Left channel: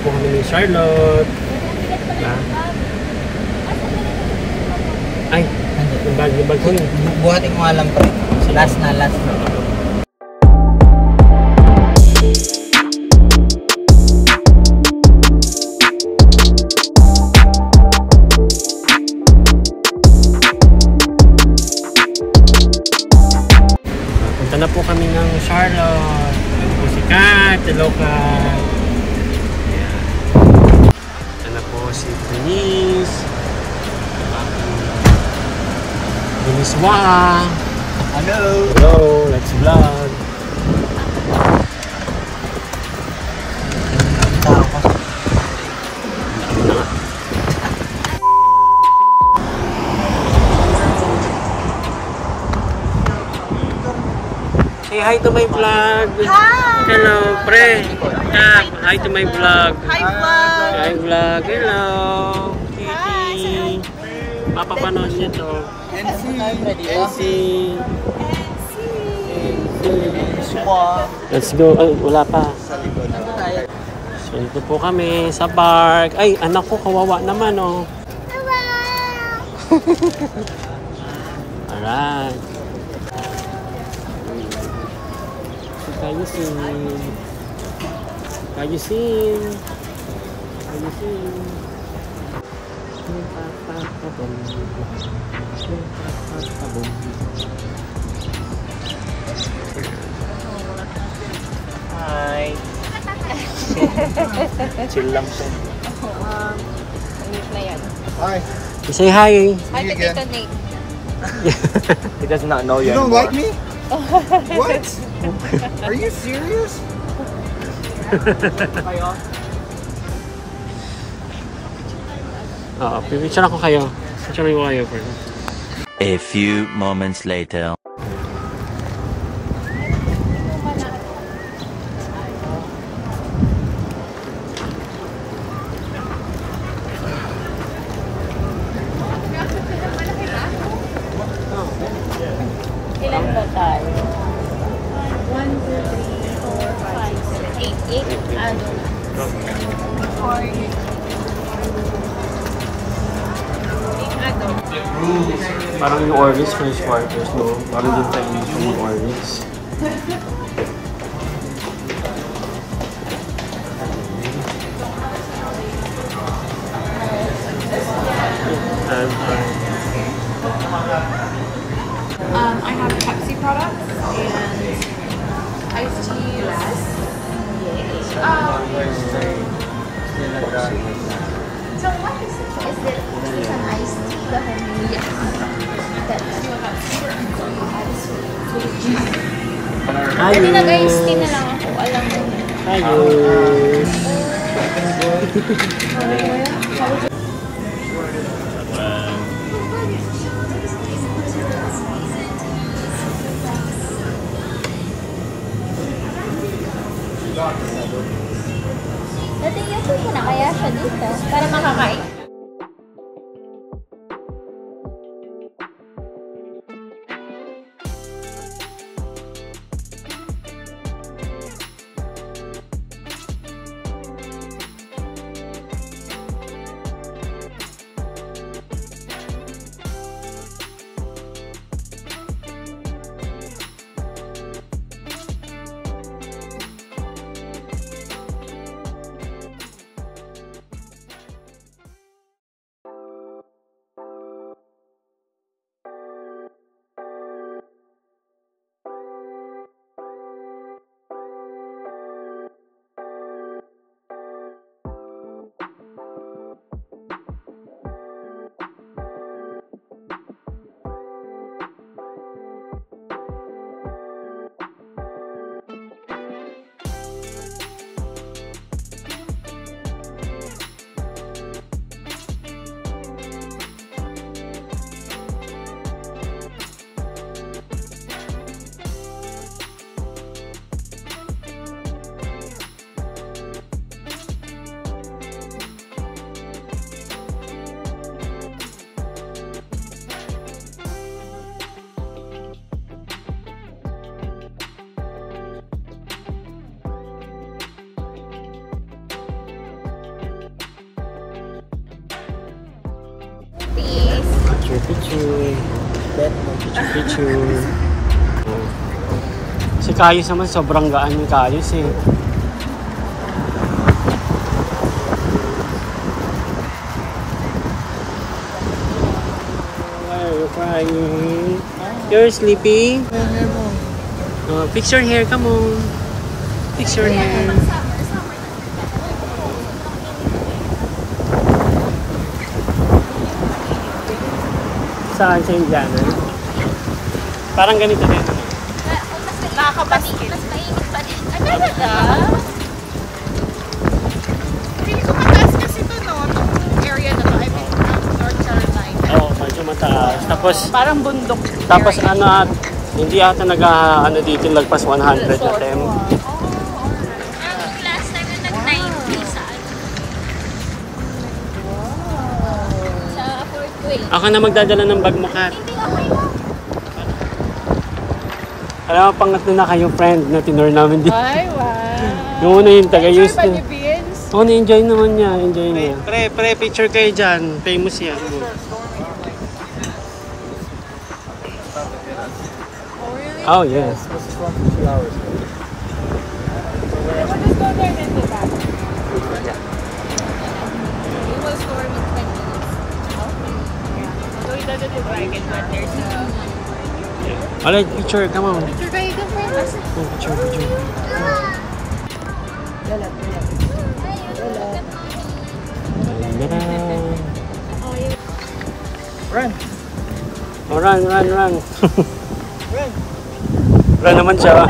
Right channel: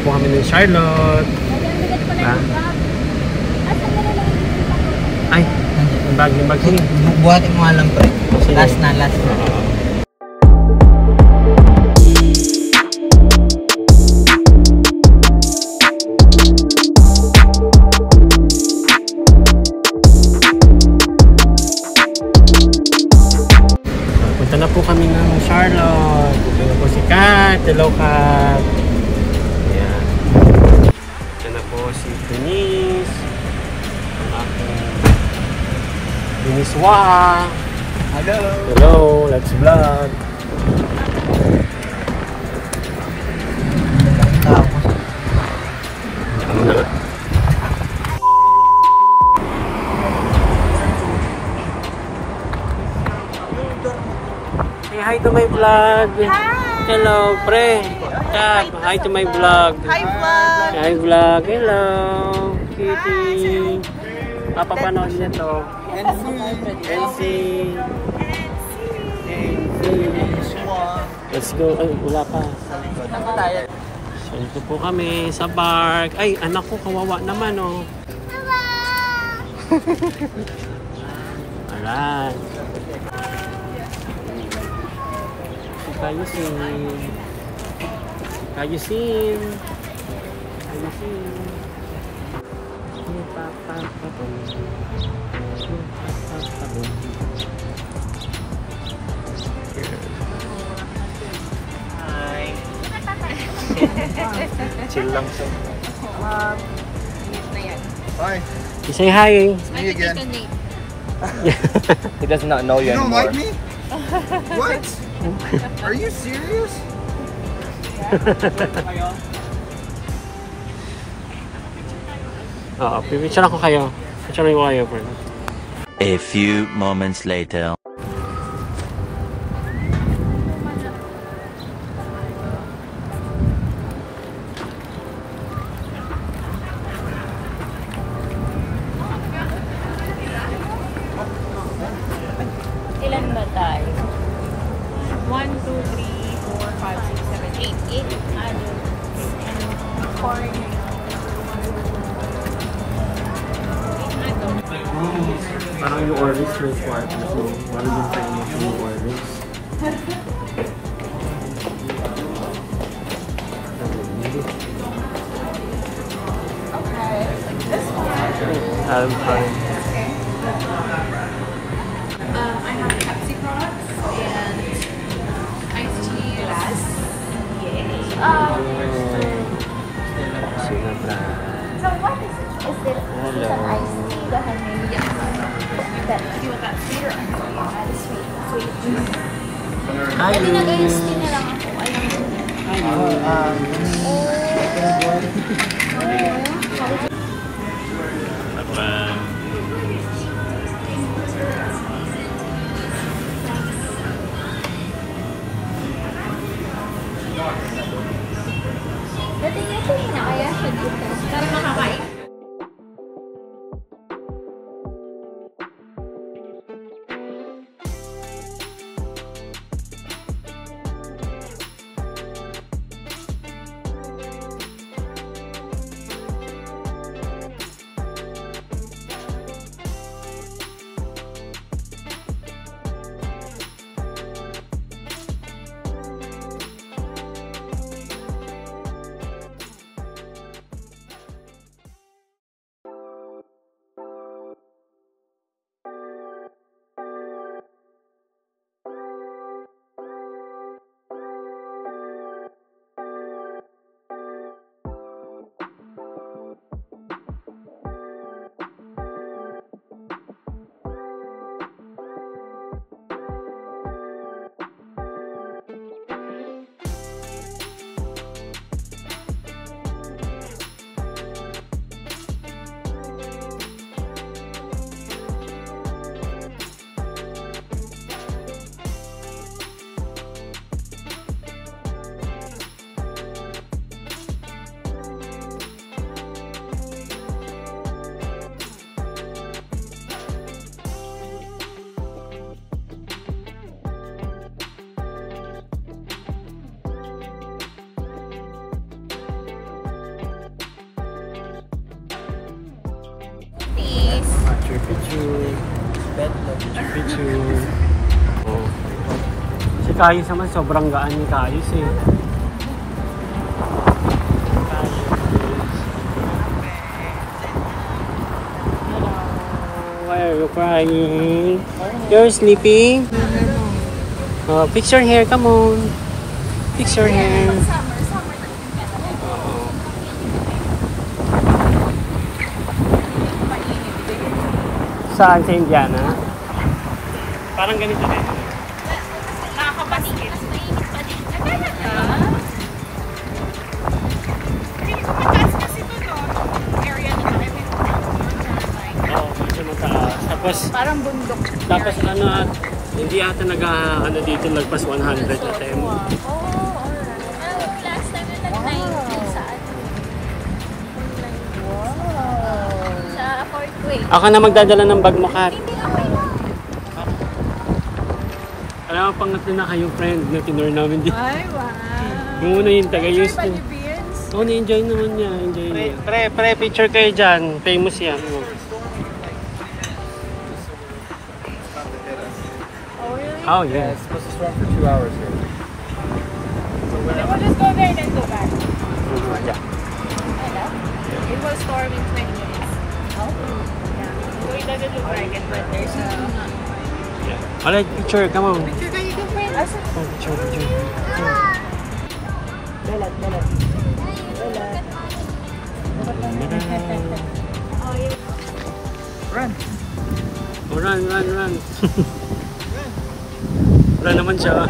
po kami ng Charlotte. Diba? Ay, yung bag. Sige. Buhatin mo nga lang, pre. Last na. Punta na po kami ng Charlotte. Ito po si Kat. Hello, Kat. Ayan. Ito na po si Denise. Deniswa. Hello, let's vlog. Say hi to my vlog. Hi. Hello, pre. Hi to my vlog. Hi vlog. Hello, Kitty. Papapanood niya to. NC. Let's go. Ay, wala pa. So, ito po kami sa park. Ay, anak ko, kawawa naman, oh. Alright. Kayusin. Hi. Chill lang siya. Hi. Say hi. Me again. He does not know you You don't anymore. like me? What? Are you serious? Oo, pipicture ako kayo. Picture ko kayo, friend. A few moments later. Ilan ba tayo? 1, 2, 3, 4, 5, 6, 8. 8 adult. 4. Parang yung Orbis, fresh quarters, no? Parang yung tradition yung Orbis. I'm fine. I have Pepsi products and iced tea. Yes. So what is it? Is it the iced tea? Yes. Ayos! Nag-iced tea na lang ako. Alam mo. Ayos! Dati niya po muna kaya siya dito. Para makakain. Picture. Picture. Oh. Si Kayus naman, sobrang gaan ni Kayus eh. Why are you crying? You're sleeping? Picture here, come on. Picture here. Saan sa Indiana? Parang ganito dito. Nakakabaskil. Ano ba na? Hindi ko mataas kasi ito, no? Area na tayo. North Carolina. Oo, medyo mataas. Tapos, Parang bundok. tapos ano, hindi ata ano dito, lagpas 100 na tem. Last time na nag-90 sa Fort Wayne. Ako na magdadala ng bag mo, Kat. Alam mo, pangatlo na kayong friend na tinur namin dito. Ay, wow. Noong una yung taga-use Enjoy ba niya. ni Beans? Oo, na-enjoy naman niya. Enjoy niya. Pre, picture kayo dyan. Famous yan. Oh, yes. This is one for 2 hours. I want to go there and then go back. Yeah. It was storm in 20 minutes. So we got to drag it, but there's a... Alright, picture. Come on. Picture kayo ka, friend? Oh, picture. Run. Oh, run. Run naman siya.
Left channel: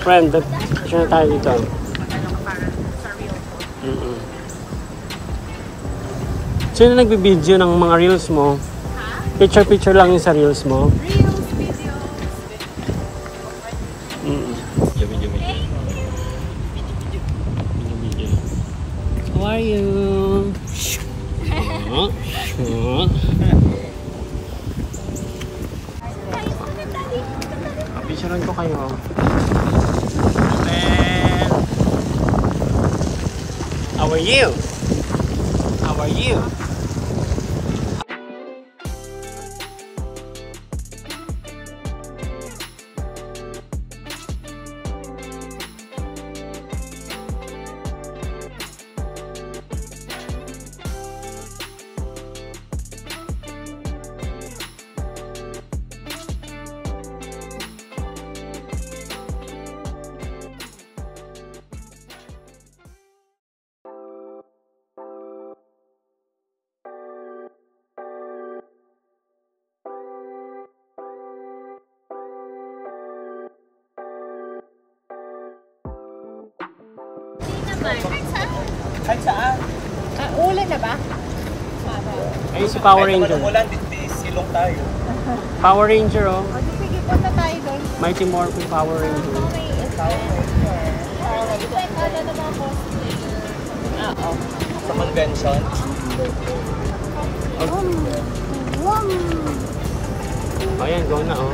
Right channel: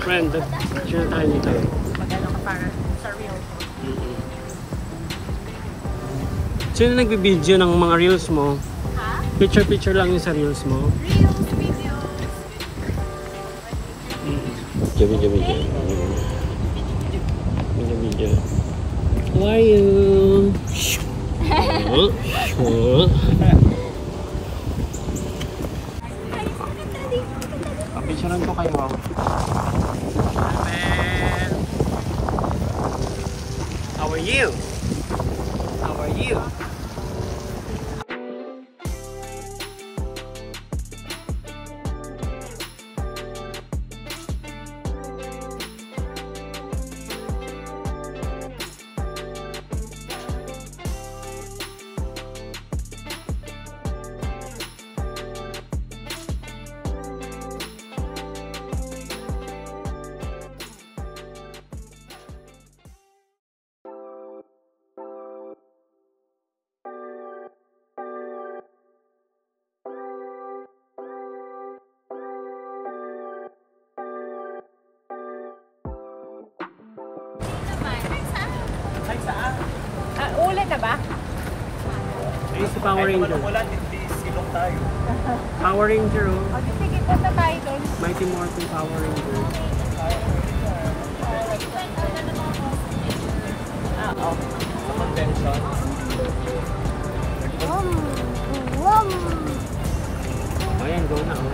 Friend, picture na tayo dito. Sino nagbibideo ng mga reels mo? Picture lang yung sa reels mo? Reels, videos. Video. How are you? Picturean ko kayo. How are you? How are you? Uli na ba? Ayun si Power Ranger. Silong tayo. Power Ranger, oh. Sige, punta tayo doon. Mighty Morphin Power Ranger. Sa convention. Ayan, go na, oh.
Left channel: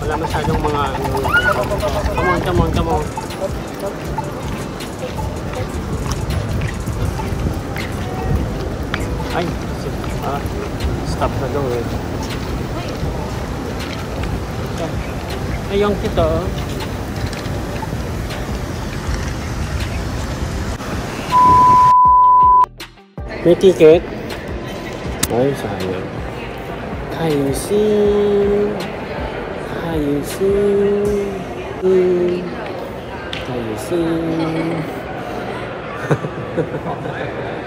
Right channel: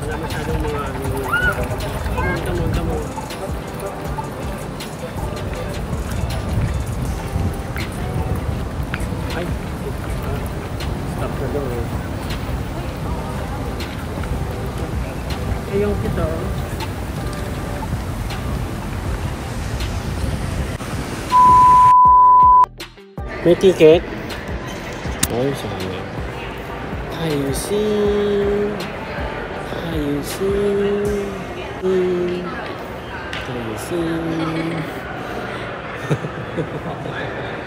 Wala masyadong mga ano. Come on. Ay, stop na daw eh. Ayun kita. May ticket? Ay, sayang. Ayusin.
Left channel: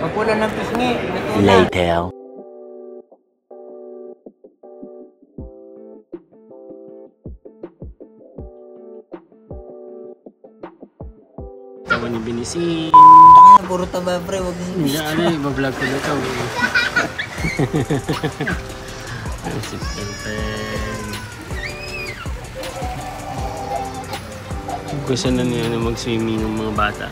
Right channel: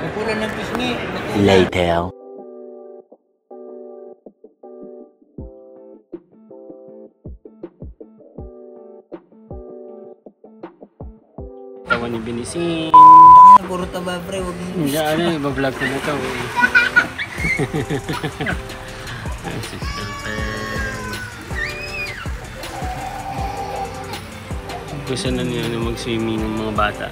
Pagpula ng pisngi. Later. Tawa ni Binisin. Puro taba, pre. Huwag mo. Hindi, iba-vlog ko na ito. Sister Pen. Gusto na niya na mag-swimming yung mga bata.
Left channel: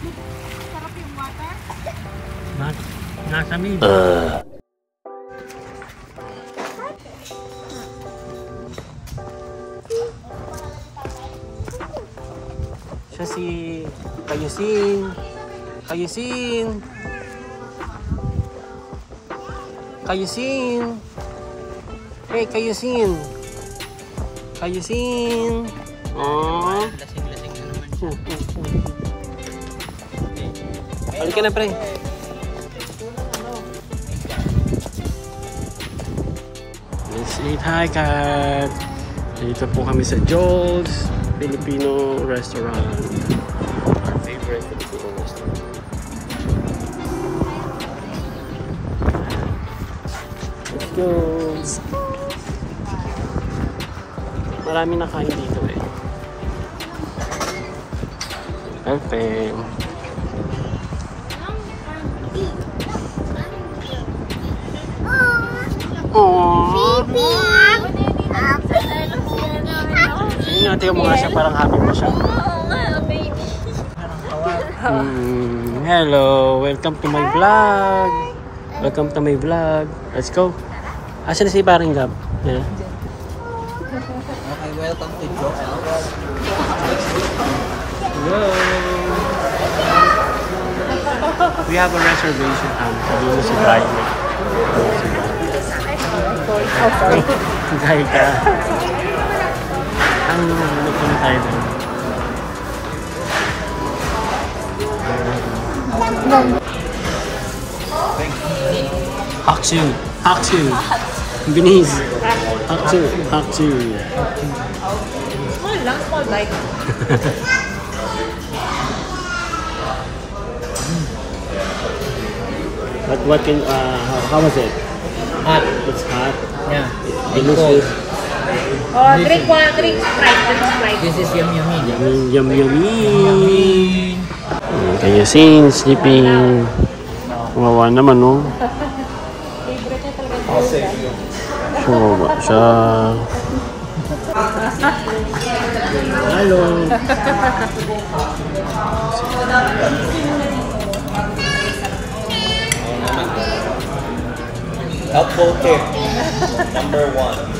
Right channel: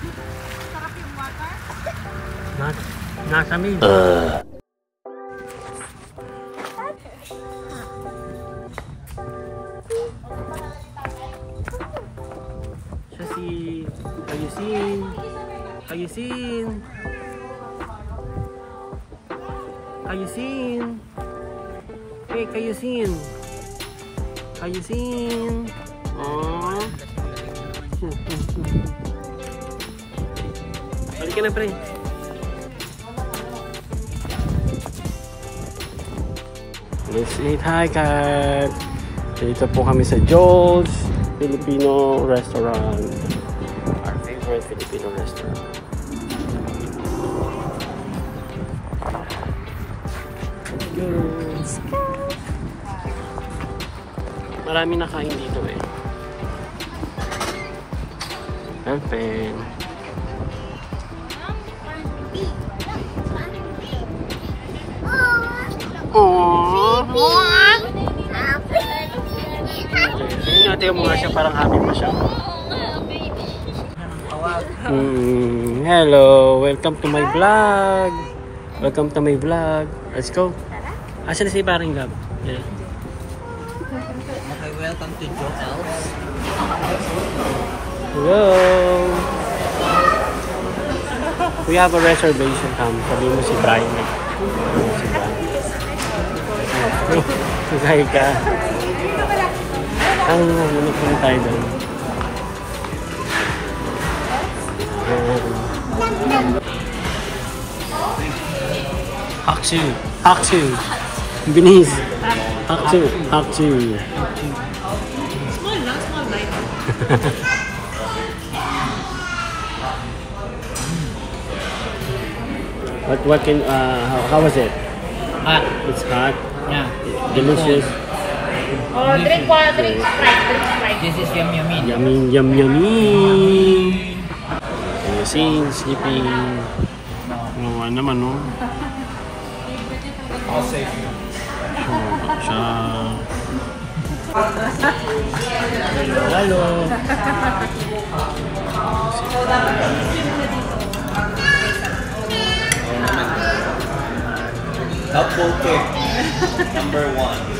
Sarap yung water. Nasa min. Siya si Kayusin. Kayusin. Kayusin. Hey, Kayusin. Kayusin. Oh. Balik ka na, pre. Let's eat high cat. Dito po kami sa Joel's Filipino restaurant. Our favorite Filipino restaurant. Let's go. Marami nakain dito eh. Perfect. Aww. Tingnan natin mo nga siya, parang happy pa siya. Hello, welcome to my vlog. Welcome to my vlog. Let's go. Asan na si Paring Gab? Yeah. Okay, welcome to Joel's. Hello. We have a reservation. Sabi mo si Brian. Si Brian. Kaya ka. Ang minupunta tayo doon. Haksu. Haksu. Binis. Haksu. Haksu. Small lang, small bite. But what can, how was it? Hot. It's hot. Yeah. Delicious. Oh, drink Sprite, drink Sprite. This is yum yummy. Yummy, yum, yummy. Kaya sin, sleeping. Kawawa naman, no? Favorite niya talaga. Kawawa siya. Hello. Helpful tip. Number 1.